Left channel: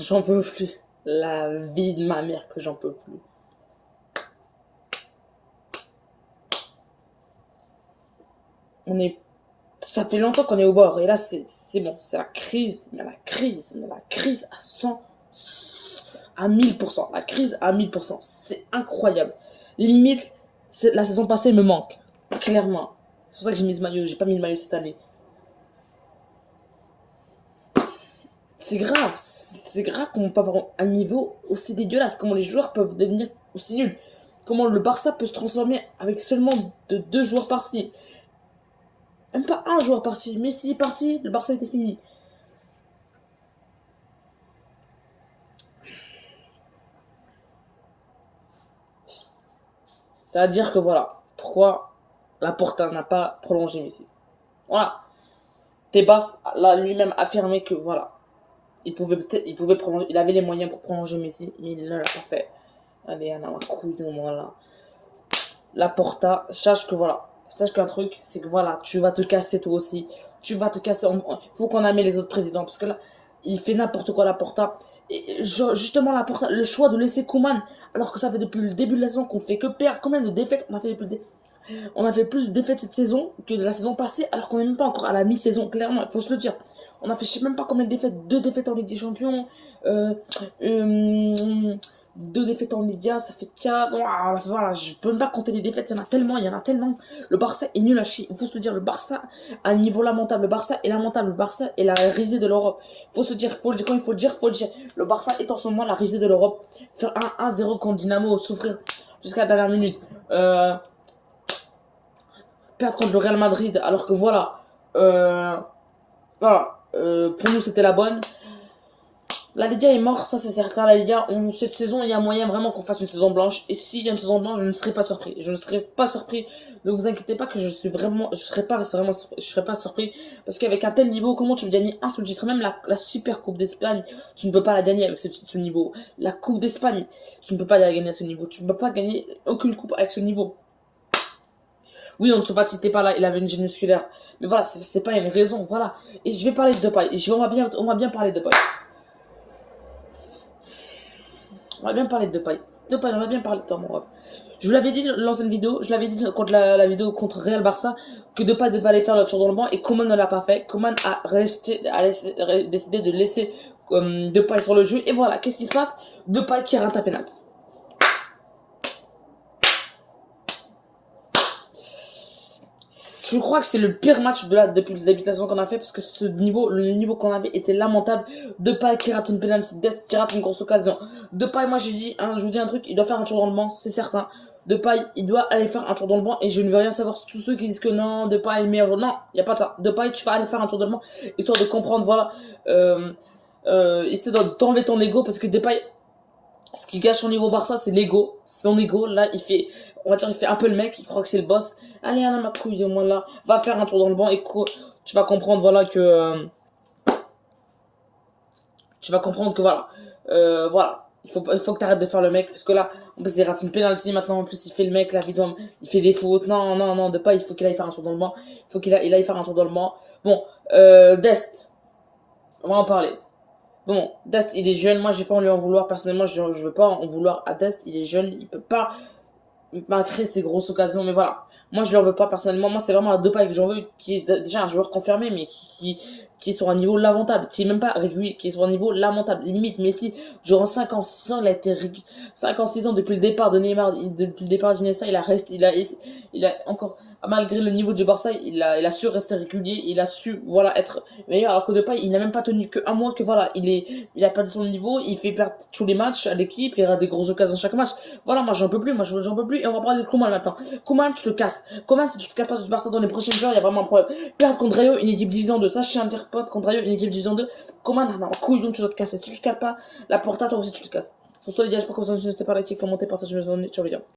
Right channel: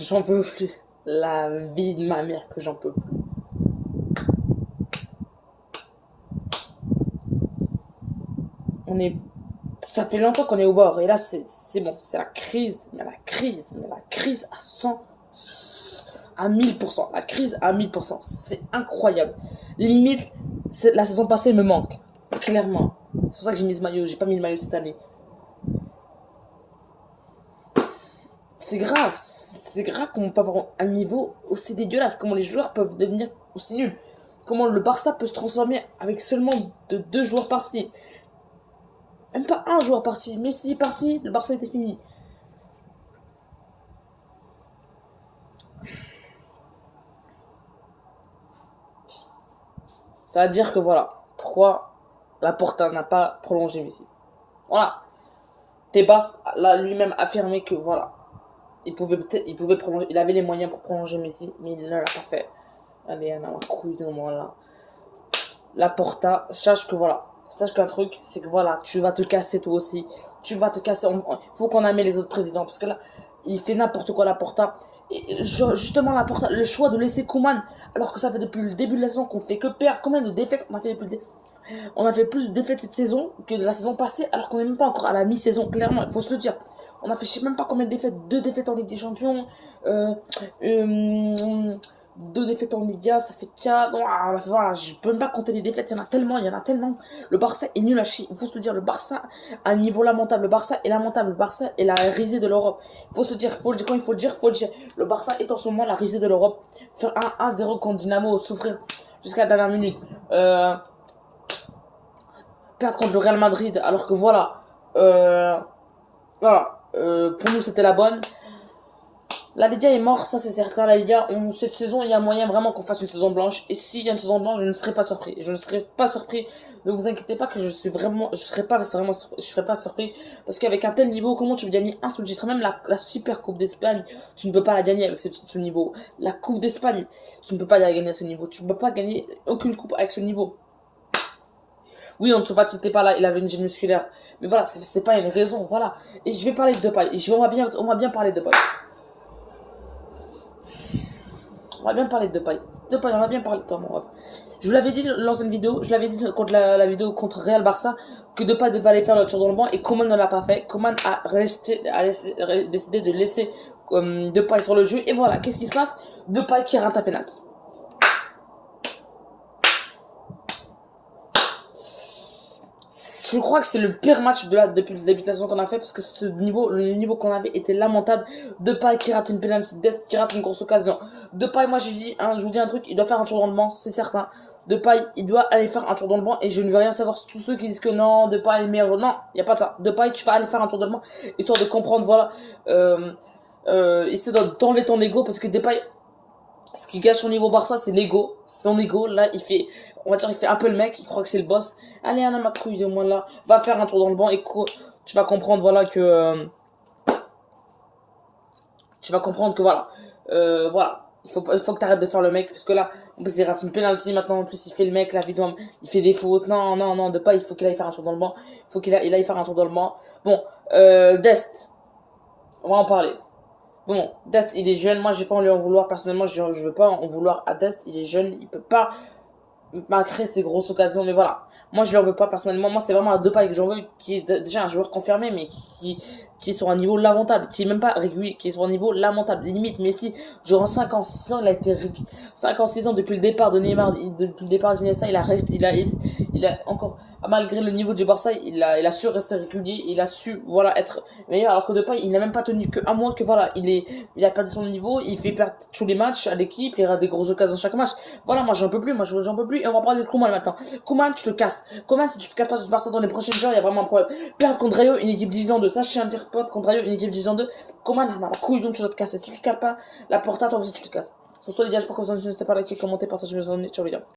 J'en peux plus. La vie de ma mère que j'en peux plus. On est... Ça fait longtemps qu'on est au bord. Et là, c'est bon. C'est la crise. Mais la crise à 100... à 1000%. La crise à 1000%. C'est incroyable. Limite, la saison passée me manque. Clairement. C'est pour ça que j'ai mis ce maillot. J'ai pas mis le maillot cette année. C'est grave comment on peut avoir un niveau aussi dégueulasse, comment les joueurs peuvent devenir aussi nuls, comment le Barça peut se transformer avec seulement deux joueurs partis, même pas un joueur parti, Messi est parti, le Barça était fini. Ça veut dire que voilà, pourquoi Laporta n'a pas prolongé Messi. Voilà, Tebas l'a lui-même affirmé que voilà, il pouvait prolonger, il avait les moyens pour prolonger Messi, mais il ne l'a pas fait. Allez, on a ma couille de moi là. Laporta, sache que voilà, sache qu'un truc, c'est que voilà, tu vas te casser toi aussi. Tu vas te casser. Faut qu'on amène les autres présidents parce que là, il fait n'importe quoi Laporta. Et justement, Laporta, le choix de laisser Koeman, alors que ça fait depuis le début de la saison qu'on fait que perdre. Combien de défaites on a fait depuis On a fait plus de défaites cette saison que de la saison passée, alors qu'on n'est même pas encore à la mi-saison, clairement, il faut se le dire. On a fait je sais même pas combien de défaites, 2 défaites en Ligue des Champions, euh, euh, 2 défaites en Liga, ça fait 4. Voilà, je peux même pas compter les défaites, il y en a tellement, il y en a tellement. Le Barça est nul à chier, il faut se le dire, le Barça a un niveau lamentable, le Barça est lamentable, le Barça est la risée de l'Europe. Il faut se dire, il faut le dire, quand il faut le dire, il faut le dire. Le Barça est en ce moment la risée de l'Europe. Faire 1-0 contre Dynamo, souffrir jusqu'à la dernière minute. Perdre contre le Real Madrid, alors que voilà, pour nous c'était la bonne. La Liga est morte, ça c'est certain. La Liga, cette saison, il y a moyen vraiment qu'on fasse une saison blanche. Et s'il y a une saison blanche, je ne serai pas surpris. Je ne serai pas surpris. Ne vous inquiétez pas que je serai pas surpris. Parce qu'avec un tel niveau, comment tu veux gagner un seul titre? Même la Super Coupe d'Espagne, tu ne peux pas la gagner avec ce niveau. La Coupe d'Espagne, tu ne peux pas la gagner à ce niveau. Tu ne peux pas gagner aucune coupe avec ce niveau. Oui, Ansu Fati n'était pas là, il avait une gêne musculaire. Mais voilà, c'est pas une raison, voilà. Et je vais parler de Depay. On va bien parler de Depay. On va bien parler de Depay. Depay, on va bien parler de toi, mon ref. Je vous l'avais dit dans l'ancienne vidéo, je l'avais dit contre la vidéo contre Real Barça, que Depay devait aller faire le tour dans le banc et Coman ne l'a pas fait. Coman a décidé de laisser Depay sur le jeu. Et voilà, qu'est-ce qui se passe? Depay qui rate un penalty. Je crois que c'est le pire match depuis le début de la saison qu'on a fait parce que le niveau qu'on avait était lamentable. Depay qui rate une pénalité, Dest qui rate une grosse occasion. Depay, moi je vous dis un truc, il doit faire un tour dans le banc, c'est certain. Depay, il doit aller faire un tour dans le banc et je ne veux rien savoir sur tous ceux qui disent que non, Depay est le meilleur joueur. Non, il n'y a pas de ça. Depay, tu vas aller faire un tour dans le banc histoire de comprendre, voilà. Essaie d'enlever ton ego parce que Depay, ce qui gâche son niveau Barça, c'est l'ego. Son ego, là, on va dire, il fait un peu le mec, il croit que c'est le boss. Allez, Anna, ma couille de moi là, va faire un tour dans le banc et tu vas comprendre, voilà, que. Tu vas comprendre que, voilà. Voilà. Il faut que t'arrêtes de faire le mec, parce que là, en plus, il rate une penalty maintenant, en plus, il fait le mec, là, évidemment, il fait des fautes. Non, non, non, de pas, il faut qu'il aille faire un tour dans le banc. Il faut qu'il aille faire un tour dans le banc. Bon, Dest, on va en parler. Bon, Dest, il est jeune. Moi, j'ai pas envie de lui en vouloir. Personnellement, je veux pas en vouloir à Dest. Il est jeune. Il peut pas créer ses grosses occasions. Mais voilà. Moi, je ne veux pas personnellement. Moi, c'est vraiment un Depay que j'en veux. Qui est déjà un joueur confirmé, mais qui est sur un niveau lamentable. Qui est même pas régulier. Qui est sur un niveau lamentable. Limite, Messi, durant 5 ans, 6 ans, il a été 5 ans, 6 ans depuis le départ de Neymar. Depuis le départ d'Iniesta, il a resté. Il a encore. Malgré le niveau du Barça, il a su rester régulier, il a su voilà être meilleur, alors que Depay il n'a même pas tenu que un mois, que voilà il a perdu son niveau, il fait perdre tous les matchs à l'équipe, il a des grosses occasions chaque match. Voilà, moi j'en peux plus, et on va parler de Koeman maintenant. Koeman, tu te casses. Koeman, si tu te casses pas du Barça dans les prochaines heures, il y a vraiment un problème. Perdre contre Rayo, une équipe division 2, ça je tiens à dire, perdre contre Rayo, une équipe division 2. Koeman, la couille, donc tu dois te casser. Si tu te casses pas, la Porta, toi aussi tu te casses. Sur ce les gars, j'espère que vous avez pas liké, commenté, partagez mes amis, ciao les gars.